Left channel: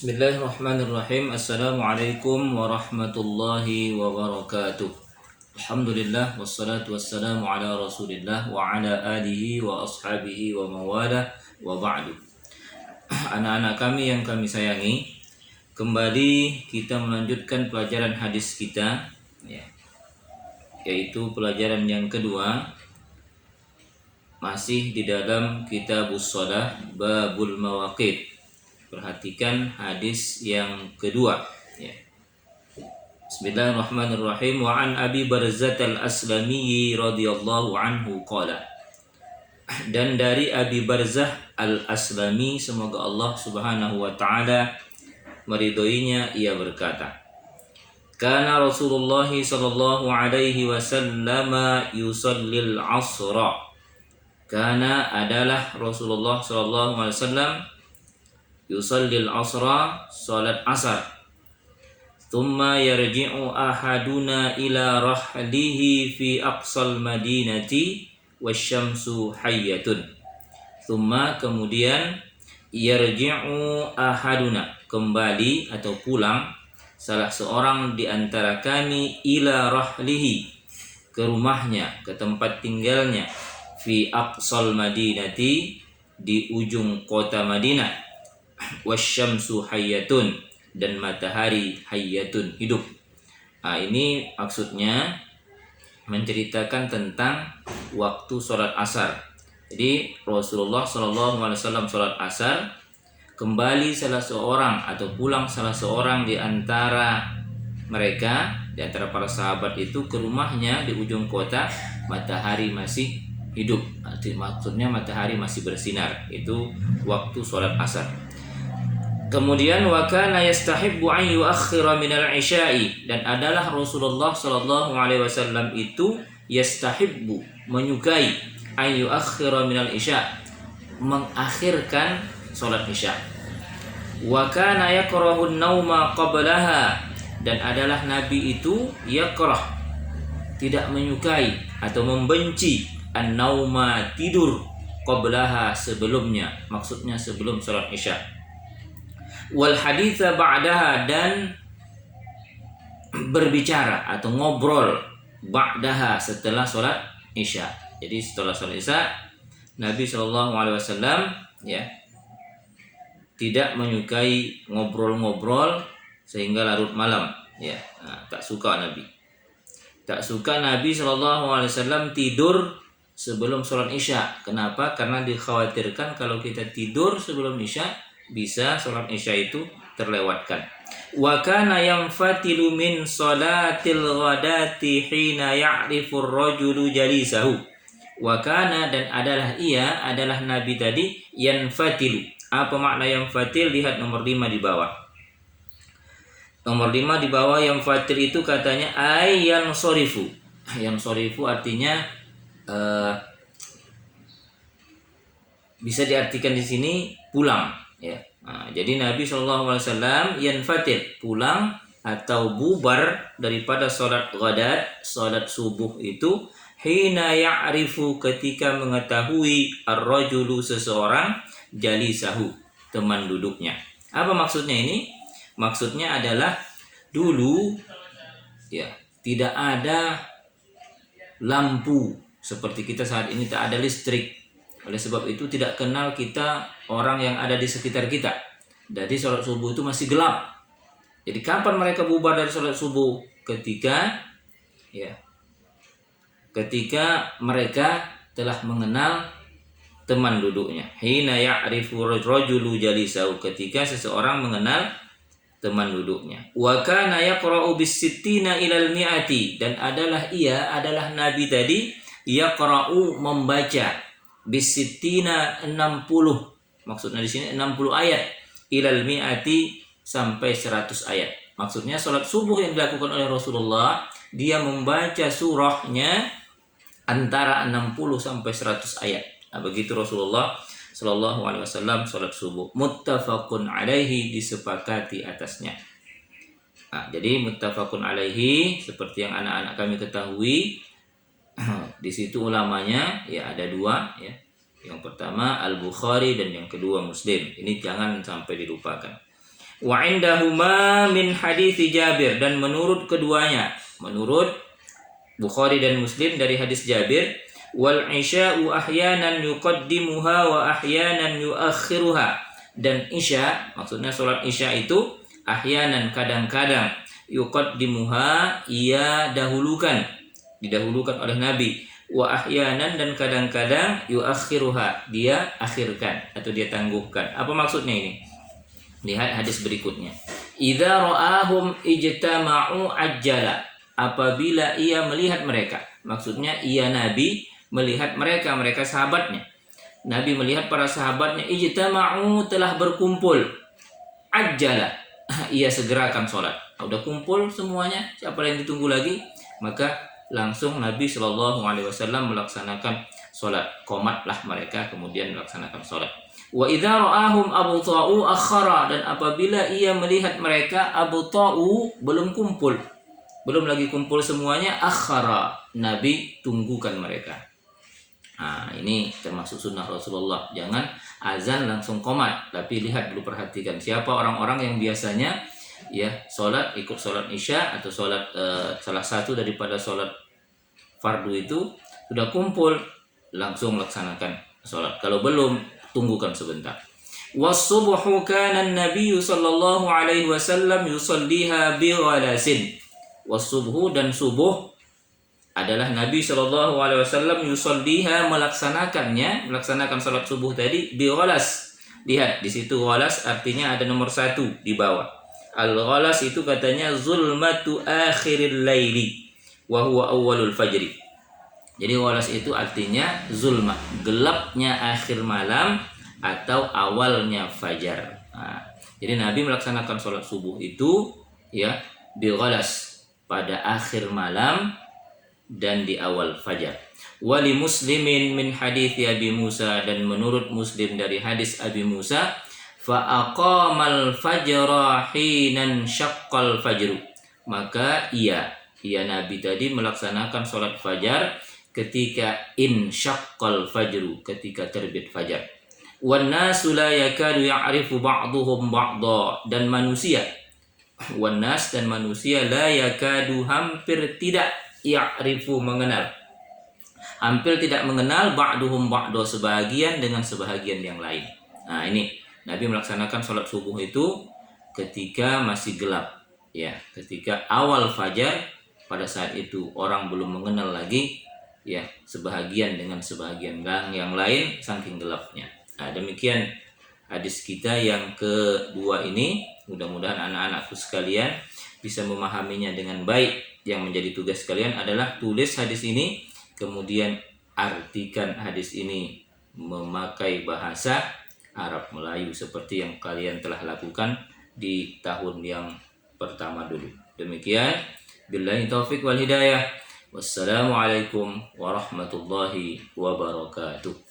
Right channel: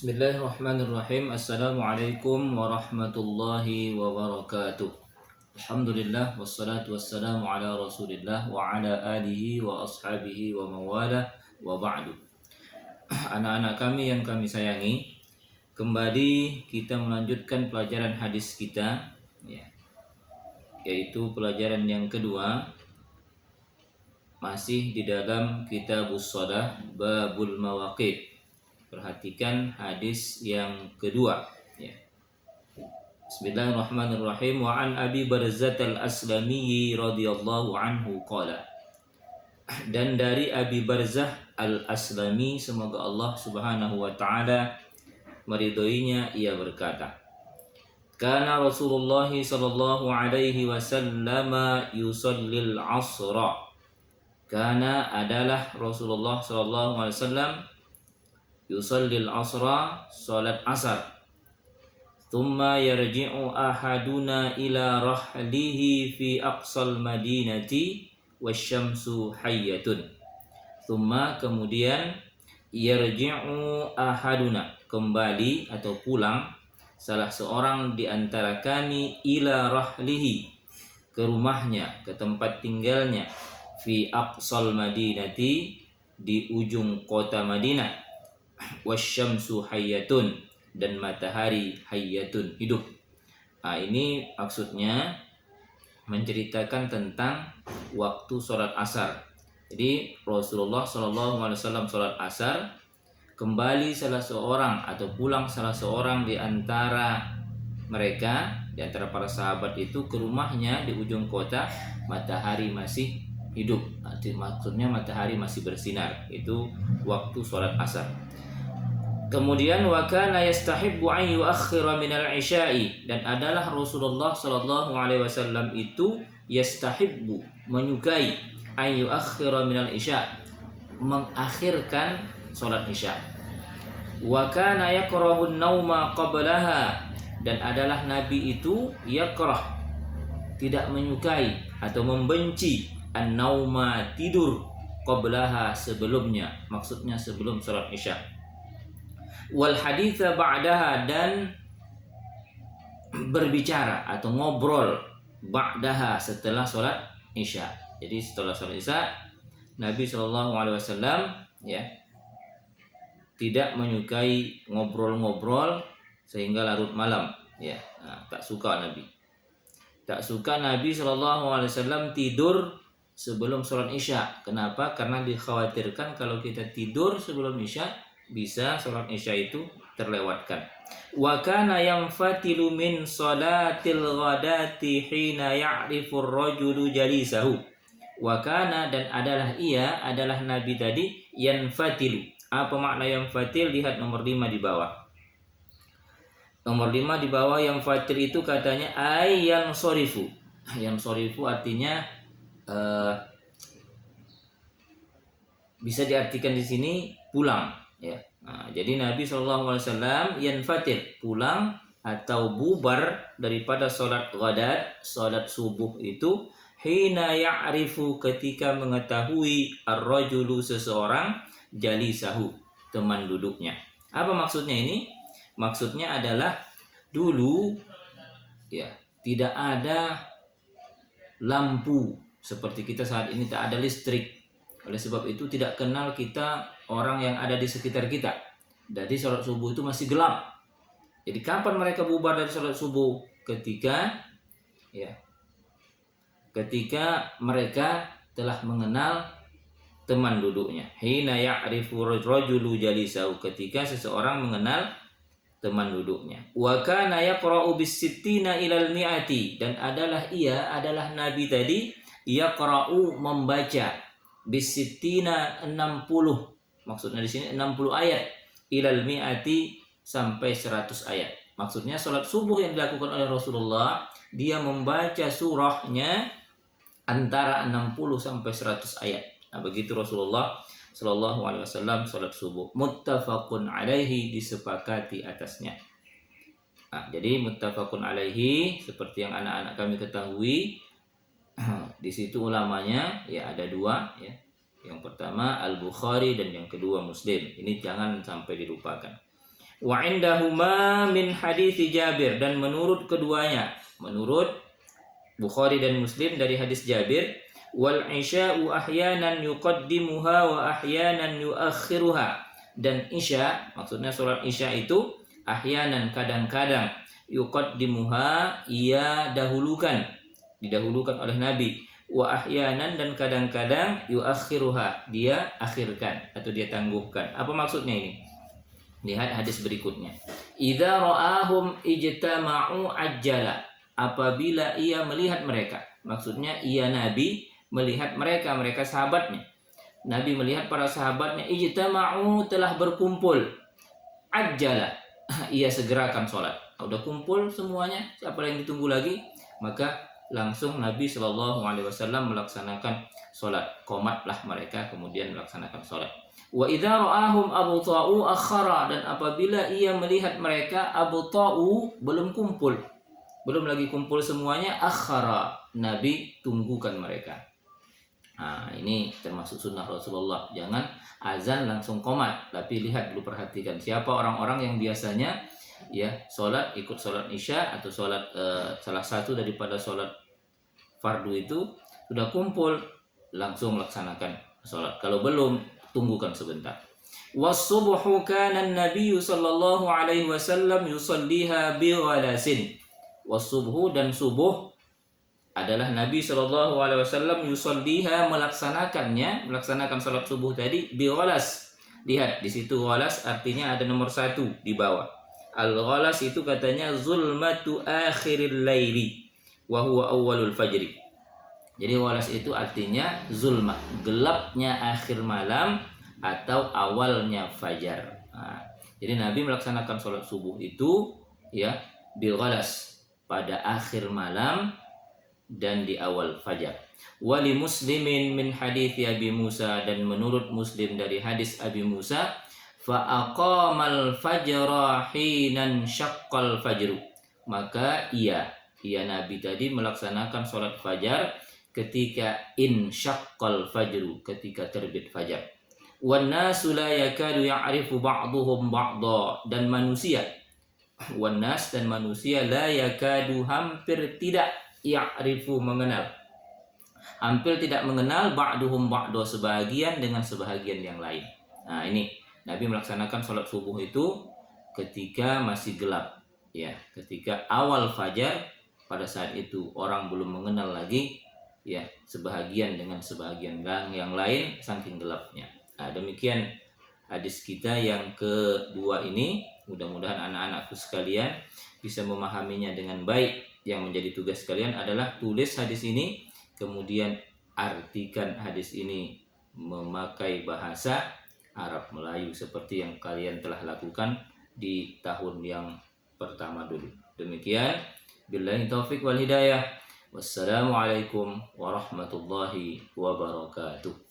Bismillahirrahmanirrahim. Assalamualaikum warahmatullahi wabarakatuh. Alhamdulillah wassalatu wassalamu ala Rasulillah wa ala alihi wa ashabihi wa mawala wa ba'du. Anak-anak kami yang kami sayangi, kembali kita melanjutkan pelajaran hadis kita, yaitu pelajaran yang kedua, masih di dalam Kitabus Shalah Babul Mawaqit. Perhatikan hadis yang kedua. Bismillahirrahmanirrahim. Wa an Abi Barzah al-Aslami radhiyallahu anhu qala. Dan dari Abi Barzah al-Aslami, semoga Allah Subhanahu wa taala meridhoinya, ia berkata, Kana Rasulullah sallallahu alaihi wasallam yusallil asra. Kana adalah Rasulullah sallallahu alaihi wasallam yusallil asra, salat asar. Thumma yarji'u ahaduna ila rahlihi fi aqsal madinati wasyamsu hayyatun. Thumma, kemudian, yarji'u ahaduna, kembali atau pulang salah seorang di antara kami, ila rahlihi, ke rumahnya, ke tempat tinggalnya, fi aqsal madinati, di ujung kota Madinah, wasyamsu hayyatun, dan matahari hayyatun, hidup. Ini maksudnya menceritakan tentang waktu sholat asar. Jadi Rasulullah SAW sholat asar, kembali salah seorang atau pulang salah seorang di antara mereka, di antara para sahabat itu, ke rumahnya di ujung kota, matahari masih hidup. Maksudnya matahari masih bersinar. Itu waktu sholat asar. Kemudian wa kana yastahibbu an yuakhkhira minal isya'i, dan adalah Rasulullah sallallahu alaihi wasallam itu yastahibbu, menyukai, an yuakhkhira minal isya', mengakhirkan salat isya'. Wa kana yakrahu an-nauma qablaha, dan adalah Nabi itu yakrah, tidak menyukai atau membenci, an-nauma, tidur, qablaha, sebelumnya, maksudnya sebelum salat isya'. Wal haditha ba'daha, dan berbicara atau ngobrol ba'daha, setelah sholat isya. Jadi setelah sholat isya, Nabi SAW tidak menyukai ngobrol-ngobrol sehingga larut malam. Tak suka Nabi. Tak suka Nabi SAW tidur sebelum sholat isya. Kenapa? Karena dikhawatirkan kalau kita tidur sebelum isya, bisa sholat isya itu terlewatkan. Wa kana yanfatilu min salatil ghadati hina ya'rifu ar-rajulu jalisahu. Wa kana, dan adalah Nabi tadi, yanfatilu. Apa makna yanfatil? Lihat nomor 5 di bawah. Nomor 5 di bawah, yanfatil itu katanya ayyan sorifu. Yang sorifu artinya bisa diartikan di sini pulang. Jadi Nabi SAW yanfatir, pulang atau bubar daripada sholat ghadat, sholat subuh itu, hina ya'rifu, ketika mengetahui, ar-rajulu, seseorang, jalisahu, teman duduknya. Apa maksudnya ini? Maksudnya adalah dulu tidak ada lampu seperti kita saat ini, tak ada listrik. Oleh sebab itu tidak kenal kita orang yang ada di sekitar kita. Jadi sholat subuh itu masih gelap. Jadi kapan mereka bubar dari sholat subuh? Ketika mereka telah mengenal teman duduknya. Hina ya'rifu rajulu jalisahu, ketika seseorang mengenal teman duduknya. Wa kana yaqra'u bis-sittina ilal mi'ati, dan adalah Nabi tadi yaqra'u, membaca, bis-sittina, 60, maksudnya di sini 60 ayat, ilal mi'ati, sampai 100 ayat. Maksudnya sholat subuh yang dilakukan oleh Rasulullah, dia membaca surahnya antara 60 sampai 100 ayat. Begitu Rasulullah sallallahu alaihi wasallam sholat subuh. Muttafaqun alaihi, disepakati atasnya. Jadi muttafaqun alaihi, seperti yang anak-anak kami ketahui, di situ ulamanya ada dua, Yang pertama Al-Bukhari dan yang kedua Muslim. Ini jangan sampai dilupakan. Wa indahuma min hadits Jabir, dan menurut keduanya, menurut Bukhari dan Muslim dari hadis Jabir, wal isya'u ahyanan yuqaddimuha wa ahyanan yuakhiruha, dan isya, maksudnya salat isya itu ahyanan, kadang-kadang, yuqaddimuha, ia didahulukan oleh Nabi, wa ahyanan, dan kadang-kadang yuakhiruha, dia akhirkan atau dia tangguhkan. Apa maksudnya ini? Lihat hadis berikutnya. Idza ra'ahum ijtama'u ajjala, apabila ia melihat mereka, maksudnya ia Nabi melihat mereka sahabatnya. Nabi melihat para sahabatnya, ijtama'u, telah berkumpul, ajjala, ia segerakan sholat. Udah kumpul semuanya, siapa yang ditunggu lagi? Maka langsung Nabi Shallallahu Alaihi Wasallam melaksanakan sholat. Qomatlah mereka, kemudian melaksanakan sholat. Wa idza ra'ahum abta'u akhara, dan apabila ia melihat mereka abta'u, belum kumpul, belum lagi kumpul semuanya, akhara, Nabi tunggukan mereka. Nah, ini termasuk sunnah Rasulullah. Jangan azan langsung qomat, tapi lihat dulu, perhatikan siapa orang-orang yang biasanya ya sholat, ikut sholat isya atau sholat salah satu daripada sholat fardu itu, sudah kumpul langsung melaksanakan sholat. Kalau belum, tunggukan sebentar. Was-subhu kana an-nabiy sallallahu alaihi wasallam yusalliha bi ghalasin. Was-subhu, dan subuh adalah Nabi sallallahu alaihi wasallam yusalliha, melaksanakan salat subuh tadi, bi ghalas. Lihat di situ ghalas artinya ada nomor 1 di bawah. Al-ghalas itu katanya zulmatu akhiril laili wa huwa awwalul fajri. Jadi ghalas itu artinya zulmah, gelapnya akhir malam atau awalnya fajar. Nah, jadi Nabi melaksanakan sholat subuh itu ya bi ghalas, pada akhir malam dan di awal fajar. Wali Muslimin min hadits Abi Musa, dan menurut Muslim dari hadis Abi Musa, fa aqamal fajra hinan syaqqal fajru, maka ia Nabi tadi melaksanakan sholat fajar ketika insyaqqal fajru, ketika terbit fajar. Wan nasu la yakadu ya'rifu ba'duhum ba'dha, dan manusia, wan nas, dan manusia, la yakadu, hampir tidak, ya'rifu, mengenal, hampir tidak mengenal, ba'duhum ba'dha, sebagian dengan sebahagian yang lain. Nah, ini Nabi melaksanakan sholat subuh itu ketika masih gelap, ya, ketika awal fajar. Pada saat itu orang belum mengenal lagi ya sebahagian dengan sebahagian yang lain saking gelapnya. Nah, demikian hadis kita yang kedua ini. Mudah-mudahan anak-anakku sekalian bisa memahaminya dengan baik. Yang menjadi tugas kalian adalah tulis hadis ini, kemudian artikan hadis ini memakai bahasa Arab Melayu seperti yang kalian telah lakukan di tahun yang pertama dulu. Demikian, billahi taufik wal hidayah. Wassalamualaikum warahmatullahi wabarakatuh.